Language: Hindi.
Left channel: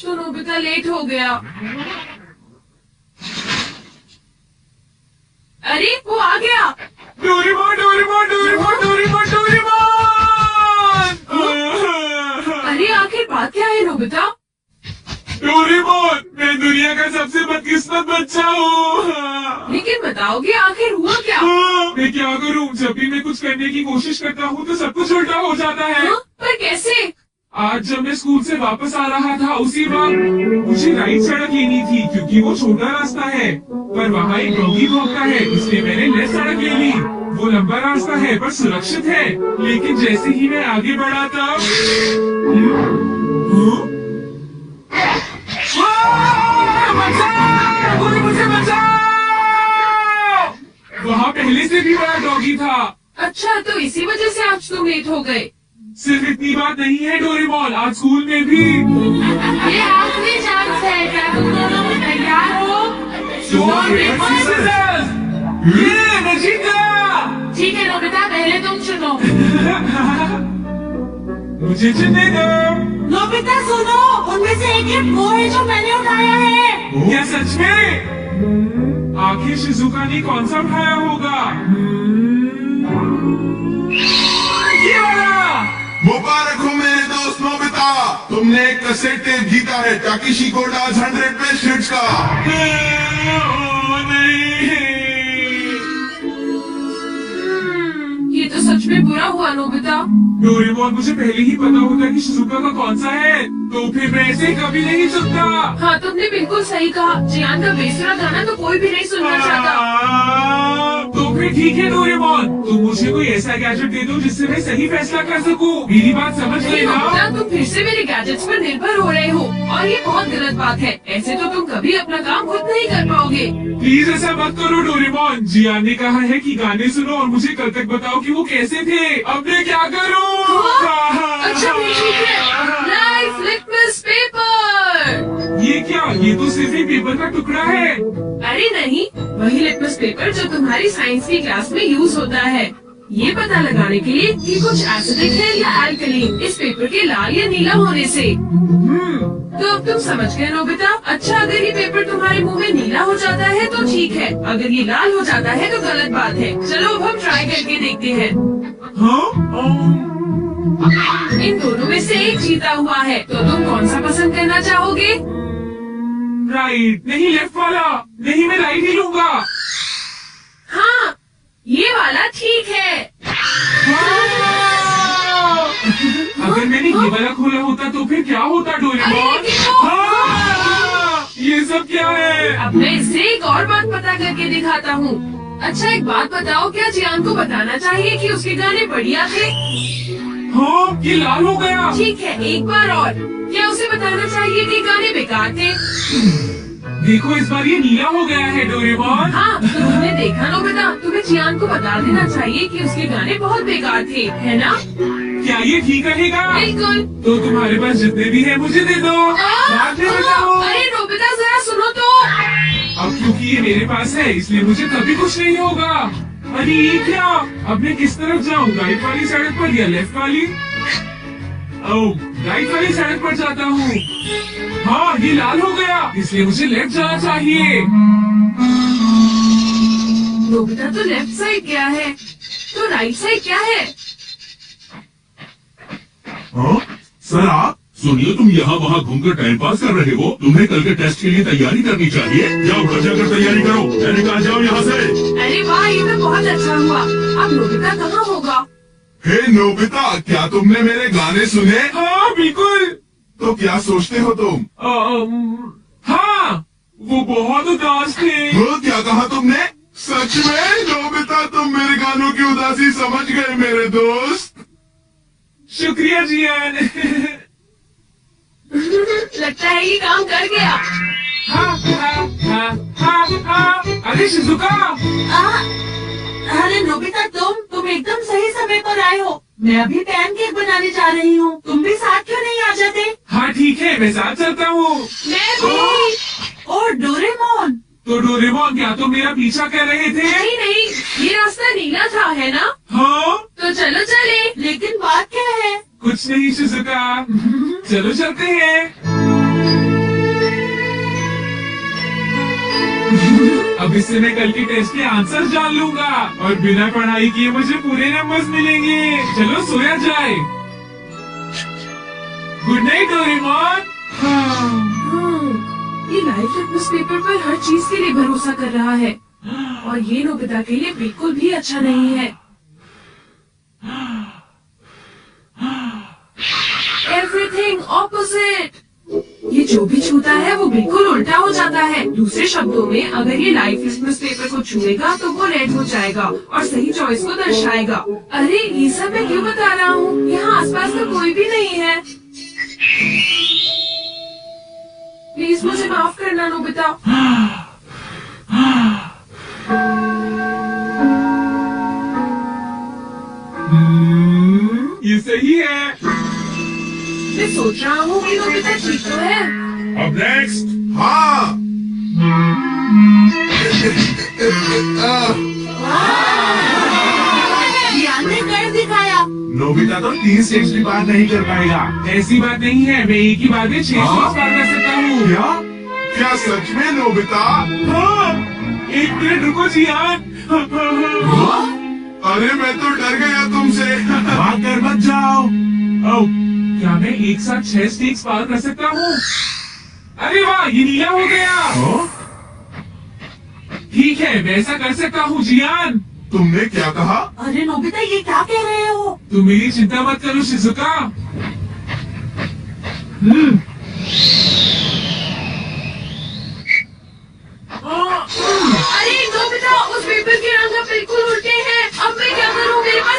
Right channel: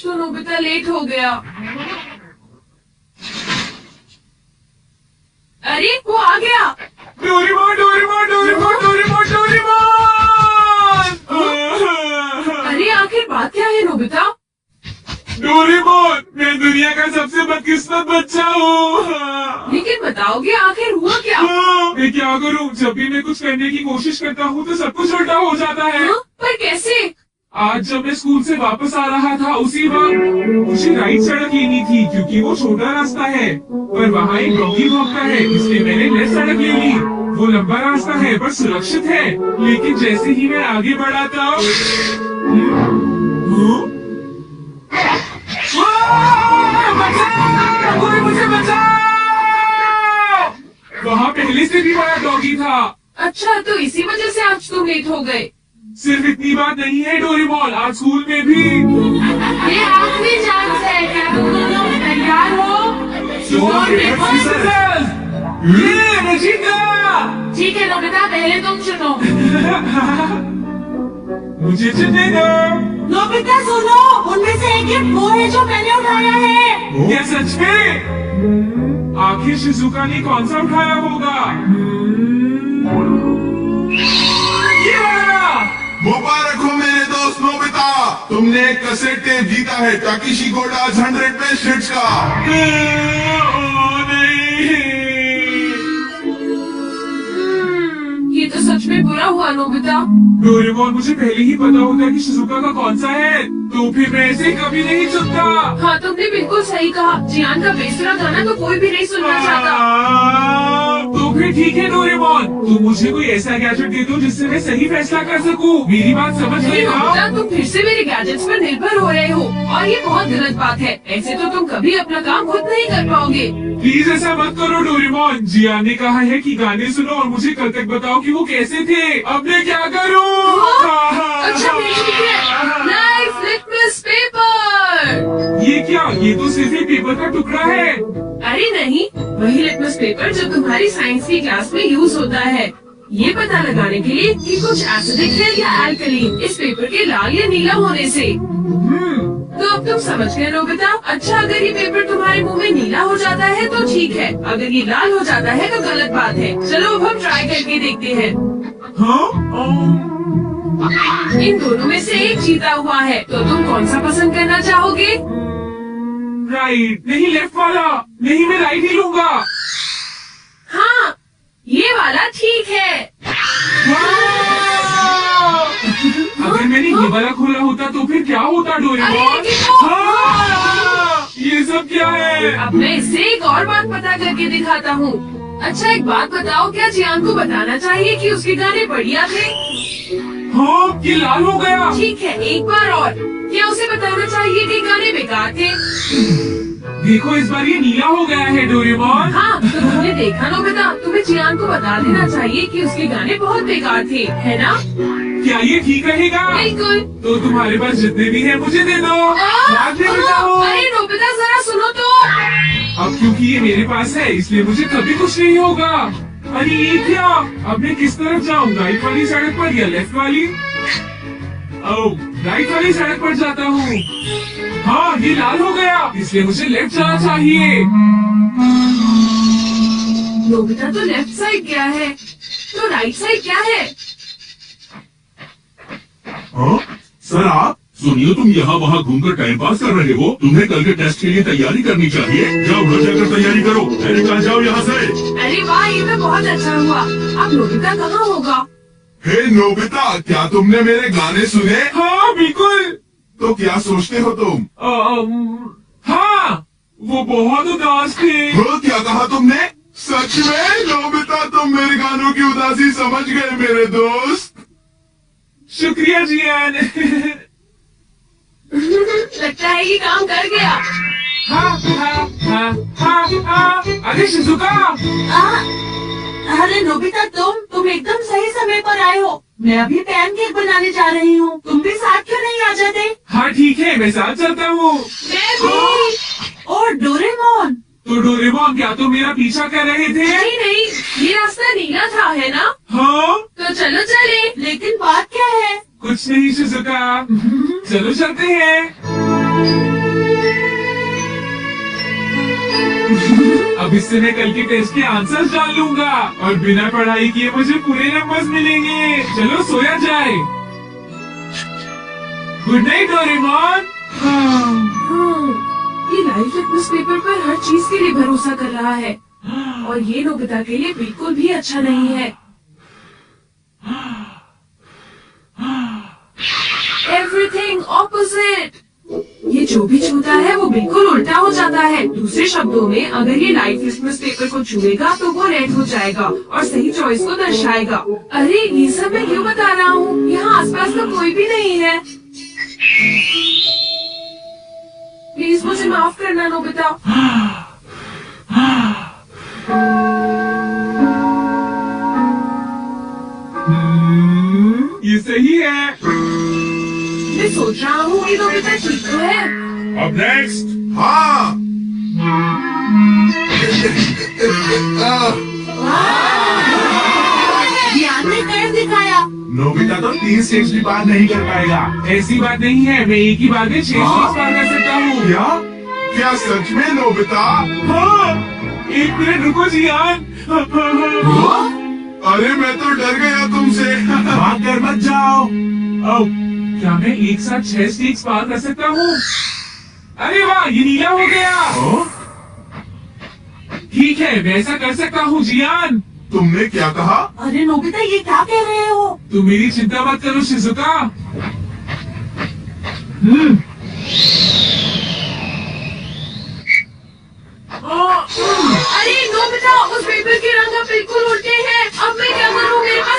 आज तो नोबिता लेट हो गया। अरे वो आ गया। Doraemon Doraemon Doraemon Doraemon Doraemon. अरे आखिर बात क्या है नोबिता? डोरेमोन, मैं दुनिया का सबसे बदकिस्मत बच्चा हूँ। लेकिन बताओगे आखिर हुआ क्या? मैं क्या करूँ, जब भी मैं कुछ करने की कोशिश करता हूँ तो सब कुछ उल्टा हो जाता है। पर कैसे? आज जब मैं स्कूल से वापस आ रहा था उसी वक्त मुझे राइट सड़क लेनी थी क्योंकि वो छोटा रास्ता है, पर वहाँ एक डॉगी भौंकता है, इसलिए मैंने लेफ्ट सड़क ले ली। वो लंबा रास्ता है पर सुरक्षित है, लेकिन जैसे ही मैं आगे बढ़ा था कोई मुझे बचाओ! वहाँ पहले से भी बड़ा डॉगी था। अच्छा, तो इसी वजह से आज तुम लेट हो गए। सिर्फ इतनी बात नहीं है डोरेमोन, आज स्कूल में भी। ये आखिरी चांस है, क्या तुम दोनों तैयार हो? ये मैं जीत गया। ठीक है नोबिता, पहले तुम चुनो। मुझे चुनने दो। नोबिता सुनो, उनमें से एक गिफ्ट वो है जो मैंने उठाया है। क्या सच में? आखिर शिजुका ने कौन सा उठाया होगा? मुबारक हो मेरे दोस्त नोबिता, तुमने एक कैसेट टेप जीता है टाकिशी गोडाज 100 बेस्ट हिट्स का। ये तो सच में बुरा हुआ नोबिता। डोरेमोन, मुझे पहले ही पता होता कि शिजुका का कौन सा है तो फिर मैं ऐसे कभी नहीं चुनता। हाँ, तुमने बिल्कुल सही कहा। जियान का बेसुरा गाना तो कोई भी नहीं सुनना चाहता। तो फिर ठीक है डोरेमोन, तुम मुझे कोई ऐसा गैजेट दे दो जिससे मैं सही फैसला कर सकूं। मेरी बात समझ नहीं लेना। नोबिता, तुम फिर से मेरे गैजेट्स पर निर्भर हो रहे हो और ये बहुत गलत बात है। ऐसे तो तुम कभी अपना काम खुद नहीं कर पाओगे। प्लीज ऐसा मत करो डोरेमोन। जियान ने कहा है कि गाने सुनो और मुझे करके बताओ कि वो कैसे थे। अब मैं क्या करूं? अच्छा ठीक है। Life litmus paper. ये क्या? ये तो सिर्फ एक पेपर का टुकड़ा है। अरे नहीं, वही लिटमस पेपर जो तुम्हारी साइंस की क्लास में यूज होता है, ये पता लगाने के लिए कि कुछ एसिडिक है या अल्कली इस पेपर के लाल या नीला होने से। तो अब तुम समझ गए नोबिता। अच्छा, अगर ये पेपर तुम्हारे मुंह में नीला हो जाता है तो ठीक है, अगर ये लाल हो जाता है तो गलत बात है। चलो अब हम ट्राई करके देखते हैं। इन दोनों में से एक जीता हुआ है, तो तुम कौन सा पसंद करना चाहोगे? राइट नहीं, लेफ्ट वाला नहीं, मैं राइट ही लूंगा। हाँ, ये वाला ठीक है। अगर मैंने ये वाला खोला होता तो फिर क्या होता डोरेमोन? ये सब क्या है? अब मैं इससे एक और बात पता करके दिखाता हूँ। अच्छा एक बात बताओ, क्या जियान को बताना चाहिए कि उसके गाने बढ़िया थे? हाँ, ये लाल हो गया। ठीक है, एक बार और। क्या उसे बताना चाहिए कि गाने बेकार थे? देखो इस बार ये नीला हो गया है डोरेमोन। हाँ, तो तुमने देखा नोबिता, तुम्हें जियान को बता देना चाहिए कि उसके गाने बहुत बेकार थे, है ना? क्या ये ठीक रहेगा? बिल्कुल। तो तुम्हारे पास जितने भी है मुझे दे दो। बाद में बताओ। अरे नोबिता जरा सुनो तो। अब क्योंकि ये मेरे पास है इसलिए मुझे कभी कुछ नहीं होगा। अरे ये क्या? अब मैं किस तरफ जाऊँ, राइट वाली सड़क पर या लेफ्ट वाली? ओह, राइट वाली सड़क पर जाता हूँ। हाँ, ये लाल हो गया, इसलिए मुझे लेफ्ट जाना चाहिए। नोबिता तो लेफ्ट साइड गया है, तो राइट साइड क्या है? सर आप सुनिए, तुम यहाँ वहाँ घूमकर टाइम पास कर रहे हो, तुम्हें कल के टेस्ट के लिए तैयारी करनी चाहिए। जाओ घर जाकर तैयारी करो, मैंने कहा जाओ यहाँ से। अरे वाह, ये तो बहुत अच्छा हुआ। अब नोबिता कहाँ होगा? हे नोबिता, क्या तुमने मेरे गाने सुने? हाँ बिल्कुल। तो क्या सोचते हो तुम? हाँ, वो बहुत उदास थे। वो क्या कहा तुमने? सच में नोबिता, तुम मेरे गानों की उदासी समझ गए मेरे दोस्त। शुक्रिया जियान। लगता है ये काम कर गया। अरे शिजुका। अरे नोबिता, तुम एकदम सही समय पर आए हो। मैं अभी पैनकेक बनाने जा रही हूँ, तुम भी साथ क्यों नहीं आ जाते? हाँ ठीक है, मैं साथ चलता हूँ। मैं भी। और डोरेमोन। तो डोरेमोन, क्या तुम मेरा पीछा कर रहे थे? नहीं नहीं, ये रास्ता नीला था, है ना? हाँ। तो चलो चले। लेकिन बात क्या है? कुछ नहीं शिजुका, चलो चलते हैं। अब इससे मैं कल के टेस्ट के आंसर जान लूंगा और बिना पढ़ाई किए मुझे पूरे नंबर्स मिलेंगे। चलो सोया जाए। Good night Doraemon. ये लाइफ लिटमस पेपर पर हर चीज के लिए भरोसा कर रहा है और ये नोबिता के लिए बिल्कुल भी अच्छा नहीं है। Everything opposite. ये जो भी छूता है वो बिल्कुल उल्टा हो जाता है। दूसरे शब्दों में अगर ये लाइफ लिटमस पेपर को छुएगा तो वो रेड हो जाएगा और सही चॉइस को दर्शाएगा। अरे ये सब मैं क्यों बता रहा हूँ? यहाँ आसपास तो कोई भी नहीं है। प्लीज मुझे माफ करना नोबिता। ये सही है। मैं सोच रहा हूँ कि नोबिता ठीक तो है। अब नेक्स्ट। हाँ। ध्यान ने कर दिखाया। नोबिता तो 3 स्टेज भी पार नहीं कर पाएगा। ऐसी बात नहीं है, मैं एक ही बार में 6 स्टेज पार कर सकता हूँ। क्या सच में नोबिता? हाँ, 1 मिनट रुको जियान। अरे मैं तो डर गया तुमसे। भाग कर मत जाओ। ओह, क्या मैं एक साथ 6 स्टेज पार कर सकता हूँ? अरे वाह, ये नीला हो गया। ठीक है, मैं ऐसा कर सकता हूँ जियान। तुमने क्या कहा? अरे नोबिता ये क्या कह रहे हो? तुम मेरी चिंता मत करो शिजुका। अरे नोबिता, उस पेपर के रंग अब बिल्कुल उल्टे हैं। अब मैं क्या करूँ? मेरे पास